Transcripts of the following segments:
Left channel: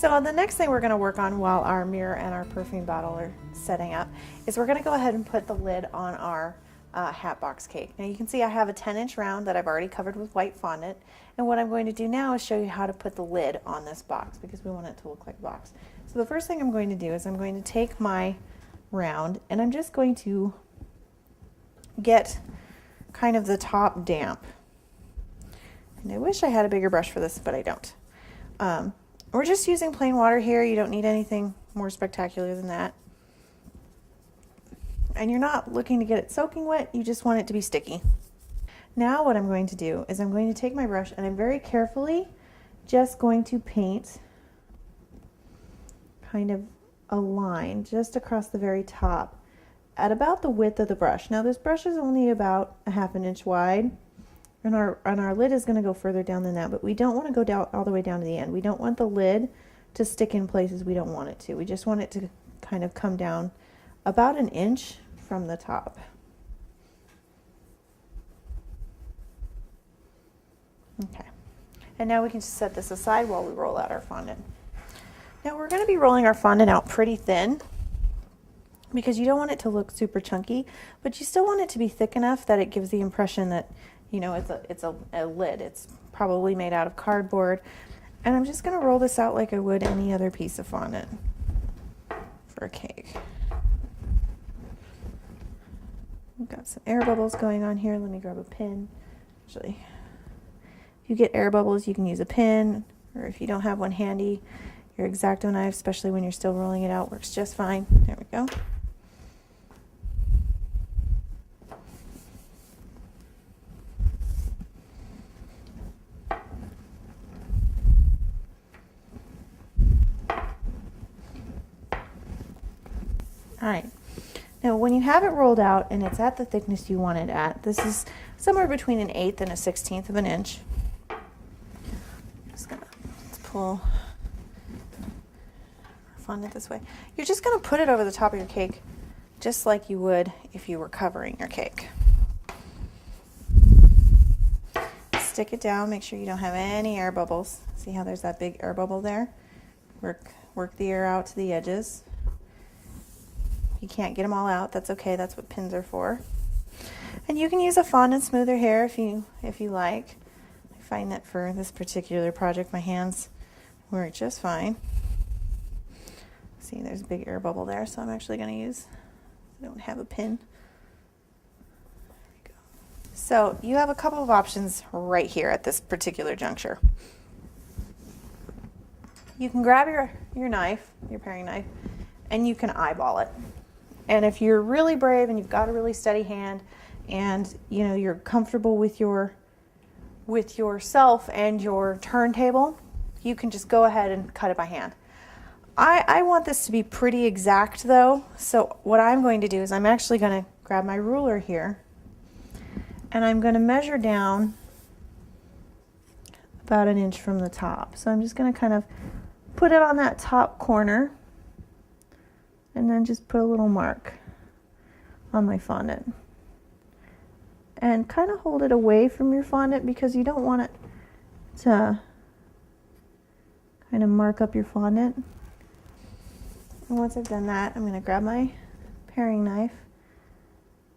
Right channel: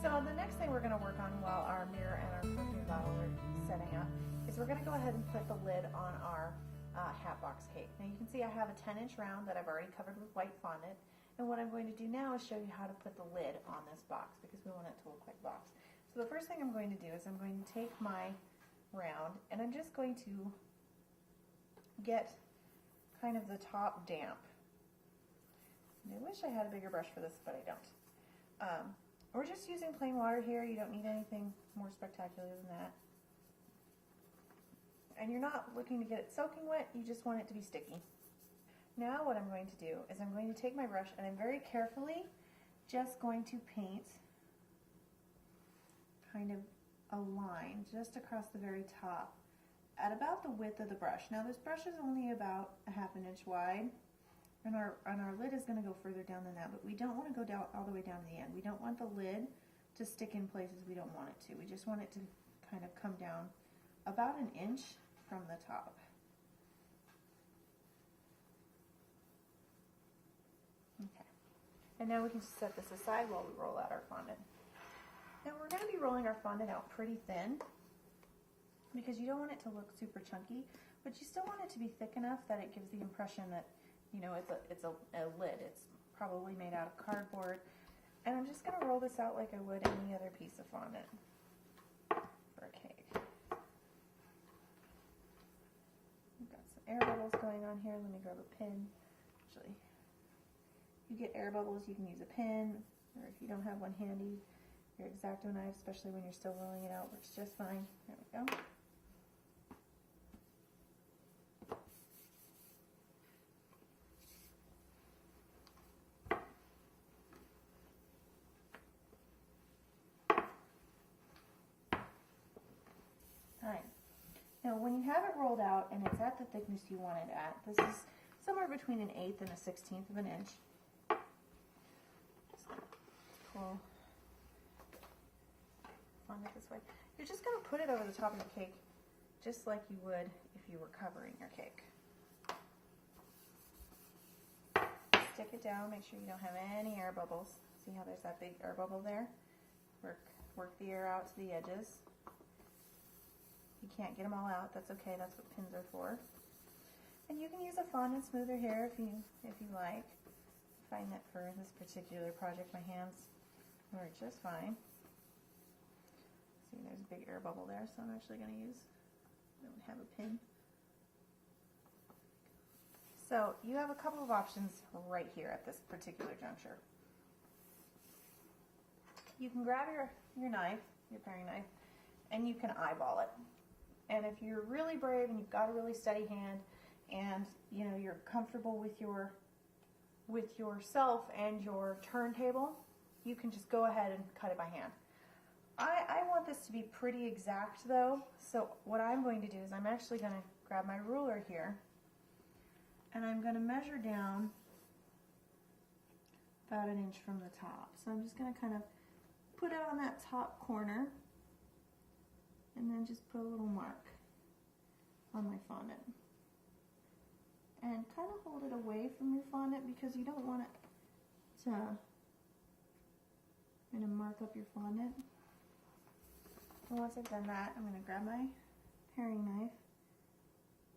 So the next thing we're going to work on while our mirror and our perfume bottle are setting up is we're going to go ahead and put the lid on our hat box cake. Now you can see I have a 10-inch round that I've already covered with white fondant, and what I'm going to do now is show you how to put the lid on this box because we want it to look like a box. So the first thing I'm going to do is I'm going to take my round and I'm just going to get kind of the top damp. And I wish I had a bigger brush for this, but I don't. We're just using plain water here. You don't need anything more spectacular than that. And you're not looking to get it soaking wet, you just want it to be sticky. Now what I'm going to do is I'm going to take my brush and I'm very carefully just going to paint kind of a line just across the very top at about the width of the brush. Now this brush is only about a ½ an inch wide. And our lid is going to go further down than that, but we don't want to go down all the way down to the end. We don't want the lid to stick in places we don't want it to. We just want it to kind of come down about an inch from the top. Okay, and now we can just set this aside while we roll out our fondant. Now we're going to be rolling our fondant out pretty thin because you don't want it to look super chunky, but you still want it to be thick enough that it gives the impression that, you know, it's a lid. It's probably made out of cardboard. And I'm just going to roll this out like I would any other piece of fondant for a cake. We've got some air bubbles going on here. Let me grab a pin. Actually, if you get air bubbles, you can use a pin, or if you don't have one handy, your X-Acto knife, especially when you're still rolling it out, works just fine. There we go. All right, now when you have it rolled out and it's at the thickness you want it at, this is somewhere between an 1/8 and a 1/16 of an inch. Just gonna, let's pull our fondant this way. You're just gonna put it over the top of your cake just like you would if you were covering your cake. Stick it down, make sure you don't have any air bubbles. See how there's that big air bubble there? Work the air out to the edges. You can't get them all out, that's okay, that's what pins are for. And you can use a fondant smoother here if you like. I find that for this particular project my hands work just fine. See, there's a big air bubble there, so I'm actually going to use, I don't have a pin. There we go. So you have a couple of options right here at this particular juncture. You can grab your knife, your paring knife, and you can eyeball it. And if you're really brave and you've got a really steady hand and you know you're comfortable with yourself and your turntable, you can just go ahead and cut it by hand. I want this to be pretty exact though, so what I'm going to do is I'm actually going to grab my ruler here and I'm going to measure down about an inch from the top. So I'm just going to kind of put it on that top corner and then just put a little mark on my fondant. And kind of hold it away from your fondant because you don't want it to kind of mark up your fondant. And once I've done that, I'm going to grab my paring knife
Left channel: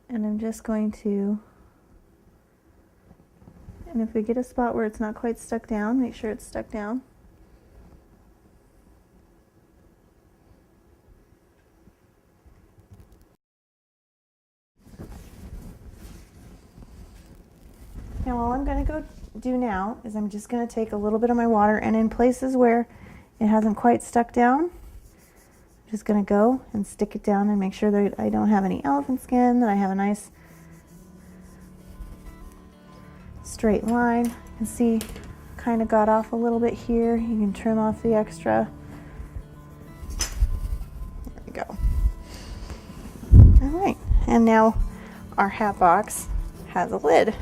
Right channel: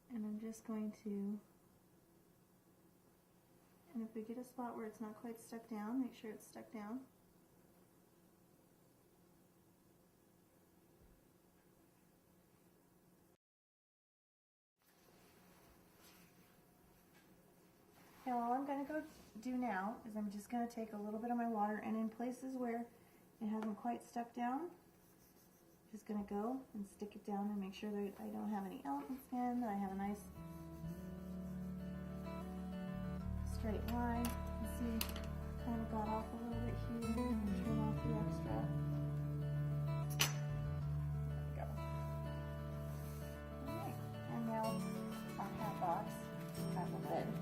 and I'm just going to, and if we get a spot where it's not quite stuck down, make sure it's stuck down. Now all I'm going to go do now is I'm just going to take a little bit of my water and in places where it hasn't quite stuck down, I'm just going to go and stick it down and make sure that I don't have any elephant skin, that I have a nice straight line. You can see kind of got off a little bit here. You can trim off the extra. There we go. All right, and now our hat box has a lid.